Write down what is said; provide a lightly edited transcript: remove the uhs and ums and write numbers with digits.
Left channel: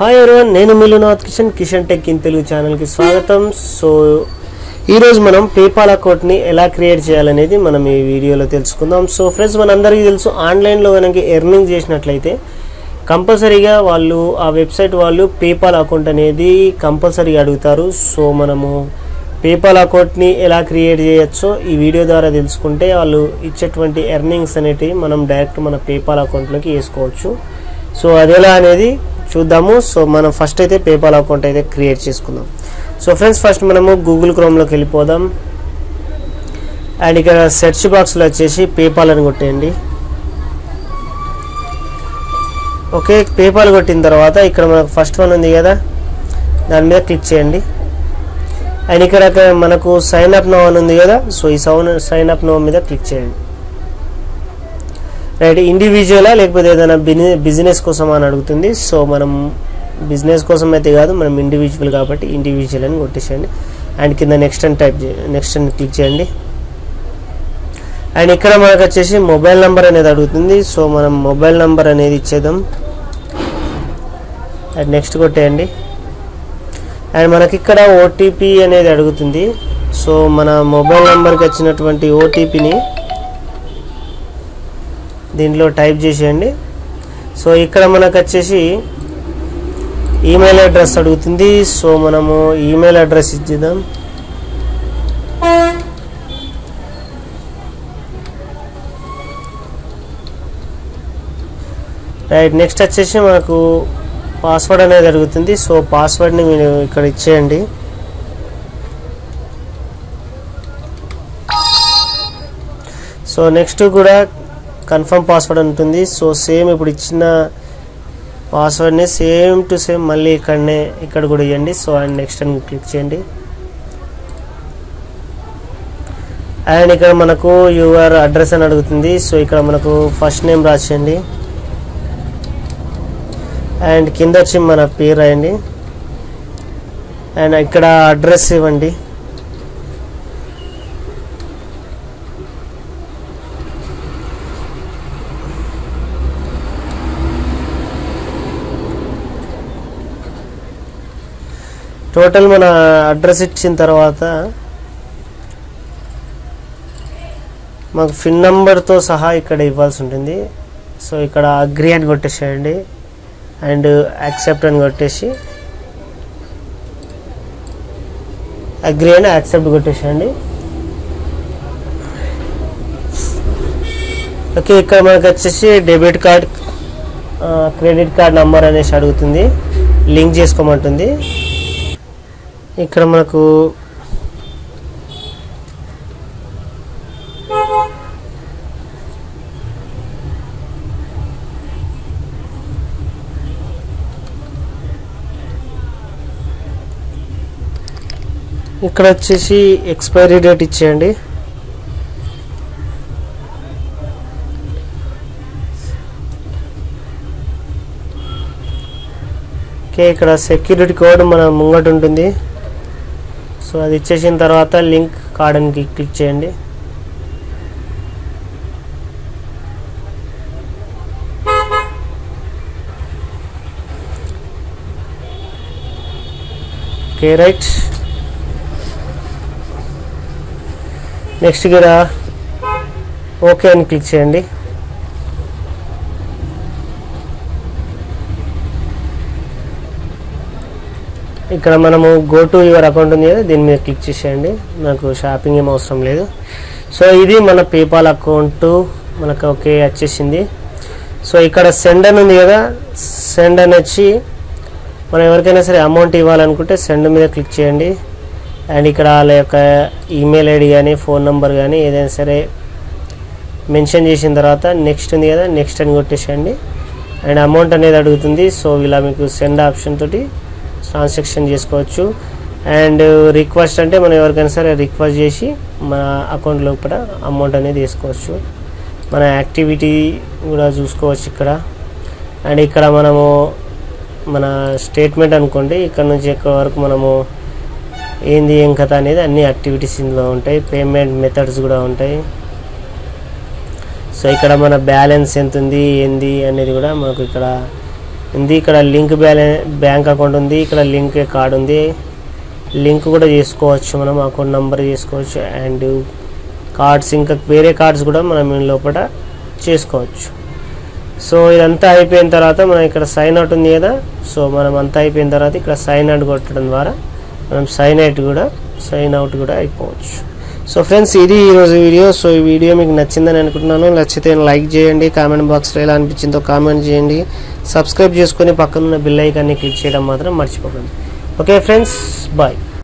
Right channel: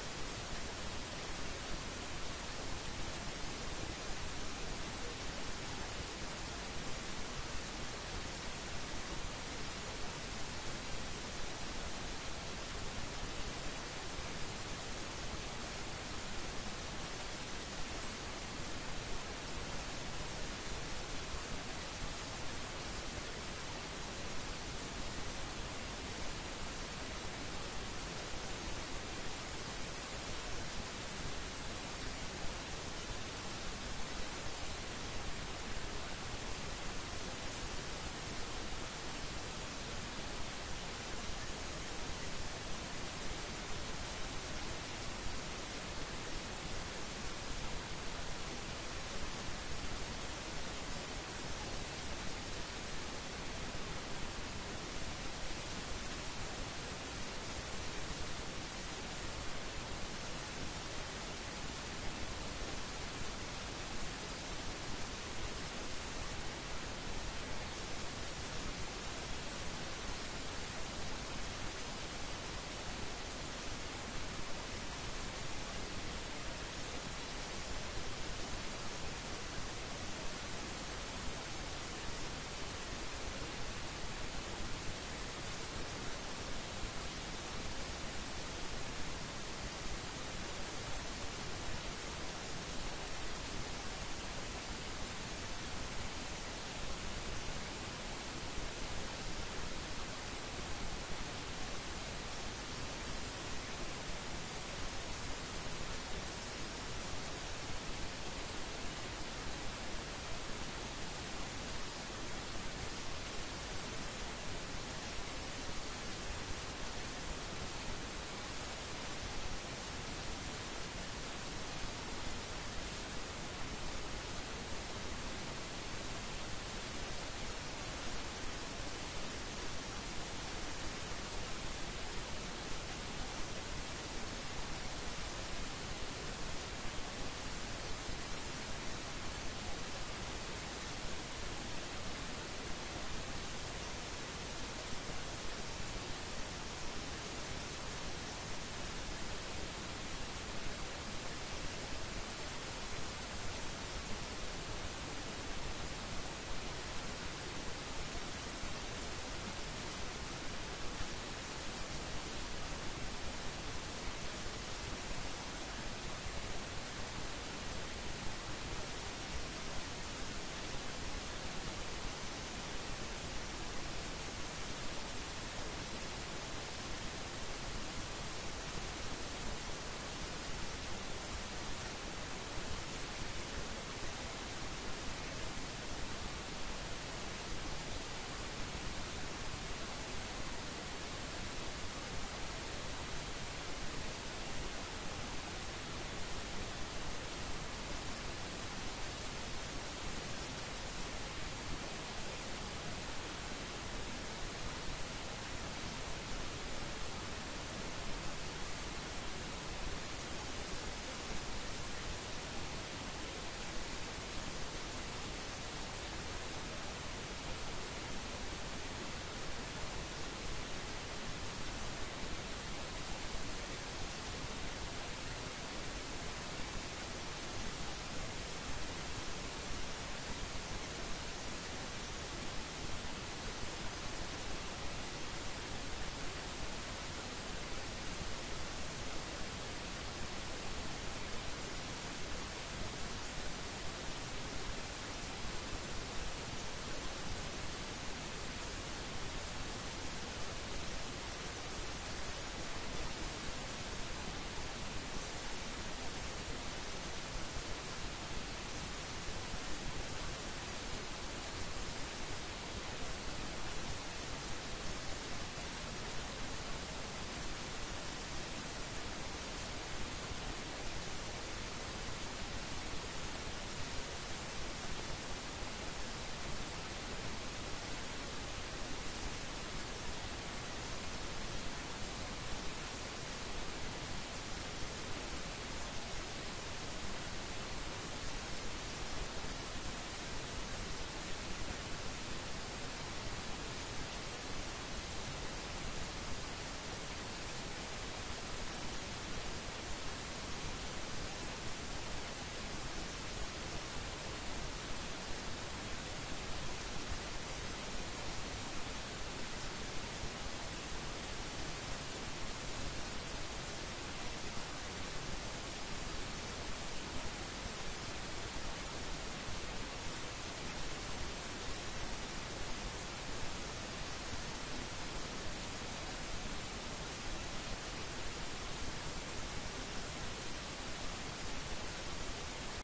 Hi everyone, నేను మిలునాథ్ Kishan tech in Telugu ఛానల్కి స్వాగతం. సో ఈరోజు మనం పేపాల్ అకౌంట్ని ఎలా క్రియేట్ చేయాలనేది మనం ఈ వీడియోలో తెలుసుకుందాం. సో ఫ్రెండ్స్, మనందరికీ తెలుసు, ఆన్లైన్లో కనుక ఎర్నింగ్ చేసినట్లయితే కంపల్సరీగా వాళ్ళు ఆ వెబ్సైట్ వాళ్ళు పేపాల్ అకౌంట్ అనేది కంపల్సరీగా అడుగుతారు. సో మనము పేపాల్ అకౌంట్ని ఎలా క్రియేట్ చేయొచ్చో ఈ వీడియో ద్వారా తెలుసుకుంటే వాళ్ళు ఇచ్చేటువంటి ఎర్నింగ్స్ అనేటివి మనం డైరెక్ట్ మన పేపాల్ అకౌంట్లోకి వేసుకోవచ్చు. సో అదెలా అనేది చూద్దాము. సో మనం ఫస్ట్ అయితే పేపాల్ అకౌంట్ అయితే క్రియేట్ చేసుకుందాం. సో ఫ్రెండ్స్, ఫస్ట్ మనము గూగుల్ క్రోమ్లోకి వెళ్ళిపోదాం. అండ్ ఇక్కడ సెర్చ్ బాక్స్లో వచ్చేసి పేపాల్ అని కొట్టేయండి. ఓకే, పేపాల్ కొట్టిన తర్వాత ఇక్కడ మనకు ఫస్ట్ వన్ ఉంది కదా, దాని మీద క్లిక్ చేయండి. అండ్ ఇక్కడ మనకు సైన్ అప్ నో అని ఉంది కదా, సో ఈ సైన్ అప్ నో మీద క్లిక్ చేయండి. రైట్, ఇండివిజువలా లేకపోతే ఏదైనా బిజినెస్ కోసం అని అడుగుతుంది. సో మనం బిజినెస్ కోసం అయితే కాదు, మనం ఇండివిజువల్ కాబట్టి ఇండివిజువల్ అని కొట్టేసేయండి. అండ్ కింద నెక్స్ట్ అని నెక్స్ట్ అని క్లిక్ చేయండి. అండ్ ఇక్కడ మనకు వచ్చేసి మొబైల్ నెంబర్ అనేది అడుగుతుంది. సో మనం మొబైల్ నెంబర్ అనేది ఇచ్చేద్దాం. అండ్ నెక్స్ట్ కొట్టేయండి. అండ్ మనకి ఇక్కడ ఓటీపీ అనేది అడుగుతుంది. సో మన మొబైల్ నెంబర్కి వచ్చినటువంటి ఓటీపీని దీంట్లో టైప్ చేసేయండి. సో ఇక్కడ మనకు వచ్చేసి ఈమెయిల్ అడ్రస్ అడుగుతుంది. సో మనము ఈమెయిల్ అడ్రస్ ఇచ్చేద్దాం. రైట్, నెక్స్ట్ వచ్చేసి మనకు పాస్వర్డ్ అనేది అడుగుతుంది. సో పాస్వర్డ్ని మీరు ఇక్కడ ఇచ్చేయండి. సో నెక్స్ట్ కూడా కన్ఫర్మ్ పాస్వర్డ్ ఉంటుంది. సో సేమ్ ఇప్పుడు ఇచ్చిన పాస్వర్డ్ని సేమ్ టు సేమ్ మళ్ళీ ఇక్కడ కూడా ఇవ్వండి. సో అండ్ నెక్స్ట్ అని క్లిక్ చేయండి. అండ్ ఇక్కడ మనకు యువర్ అడ్రస్ అని అడుగుతుంది. సో ఇక్కడ మనకు ఫస్ట్ నేమ్ రాసేయండి. అండ్ కింద వచ్చి మన పేరు రాయండి. అండ్ ఇక్కడ అడ్రస్ ఇవ్వండి. టోటల్ మన అడ్రస్ ఇచ్చిన తర్వాత మాకు పిన్ నెంబర్తో సహా ఇక్కడ ఇవ్వాల్సి ఉంటుంది. సో ఇక్కడ అగ్రీ అని కొట్టేసేయండి. అండ్ యాక్సెప్ట్ అని కొట్టేసి అగ్రీ అని యాక్సెప్ట్ కొట్టేసేయండి. ఓకే, ఇక్కడ మనకు వచ్చేసి debit card credit card number అనేసి అడుగుతుంది, లింక్ చేసుకోమంటుంది. ఇక్కడ మనకు ఇక్కడ వచ్చేసి ఎక్స్పైరీ డేట్ ఇచ్చేయండి. ఓకే, ఇక్కడ సెక్యూరిటీ కోడ్ మన ముంగట ఉంటుంది. సో అది ఇచ్చేసిన తర్వాత లింక్ కార్డ్ అని క్లిక్ చేయండి. ఓకే, రైట్, నెక్స్ట్ కూడా ఓకే అని క్లిక్ చేయండి. ఇక్కడ మనము గో టు యువర్ అకౌంట్ ఉంది కదా, దీని మీద క్లిక్ చేసేయండి. నాకు షాపింగ్ ఏం అవసరం లేదు. సో ఇది మన పేపాల్ అకౌంట్ మనకు ఓకే వచ్చేసింది. సో ఇక్కడ సెండ్ అని ఉంది కదా, సెండ్ అని వచ్చి మనం ఎవరికైనా సరే అమౌంట్ ఇవ్వాలనుకుంటే సెండ్ మీద క్లిక్ చేయండి. అండ్ ఇక్కడ వాళ్ళ యొక్క ఈమెయిల్ ఐడి కానీ ఫోన్ నెంబర్ కానీ ఏదైనా సరే మెన్షన్ చేసిన తర్వాత నెక్స్ట్ ఉంది కదా, నెక్స్ట్ అని కొట్టేసేయండి. అండ్ అమౌంట్ అనేది అడుగుతుంది. సో ఇలా మీకు సెండ్ ఆప్షన్ తోటి ట్రాన్సాక్షన్ చేసుకోవచ్చు. అండ్ రిక్వెస్ట్ అంటే మనం ఎవరికైనా సరే రిక్వెస్ట్ చేసి మన అకౌంట్ లోపల అమౌంట్ అనేది వేసుకోవచ్చు. మన యాక్టివిటీ కూడా చూసుకోవచ్చు ఇక్కడ. అండ్ ఇక్కడ మనము మన స్టేట్మెంట్ అనుకోండి, ఇక్కడ నుంచి ఇక్కడ వరకు మనము ఏంది ఏం కథ అనేది అన్ని యాక్టివిటీస్ ఇందులో ఉంటాయి. పేమెంట్ మెథడ్స్ కూడా ఉంటాయి. సో ఇక్కడ మన బ్యాలెన్స్ ఎంత ఉంది ఏంది అనేది కూడా మనకు ఇక్కడ ఉంది, ఇక్కడ లింక్ బ్యాంక్ అకౌంట్ ఉంది, ఇక్కడ లింక్ కార్డ్ ఉంది. లింక్ కూడా చేసుకోవచ్చు, మనం అకౌంట్ నెంబర్ చేసుకోవచ్చు. అండ్ కార్డ్స్, ఇంకా వేరే కార్డ్స్ కూడా మనం లోపల చేసుకోవచ్చు. సో ఇదంతా అయిపోయిన తర్వాత మనం ఇక్కడ సైన్ అవుట్ ఉంది కదా, సో మనం అంతా అయిపోయిన తర్వాత ఇక్కడ సైన్ అవుట్ కొట్టడం ద్వారా మనం సైన్ అవుట్ కూడా అయిపోవచ్చు. సో ఫ్రెండ్స్, ఇది ఈరోజు వీడియో. సో ఈ వీడియో మీకు నచ్చిందని అనుకుంటున్నాను. నచ్చితే లైక్ చేయండి, కామెంట్ బాక్స్లో ఎలా అనిపించిందో కామెంట్ చేయండి, సబ్స్క్రైబ్ చేసుకొని పక్కనున్న బెల్ ఐకాన్ని క్లిక్ చేయడం మాత్రం మర్చిపోకండి. Okay friends, bye.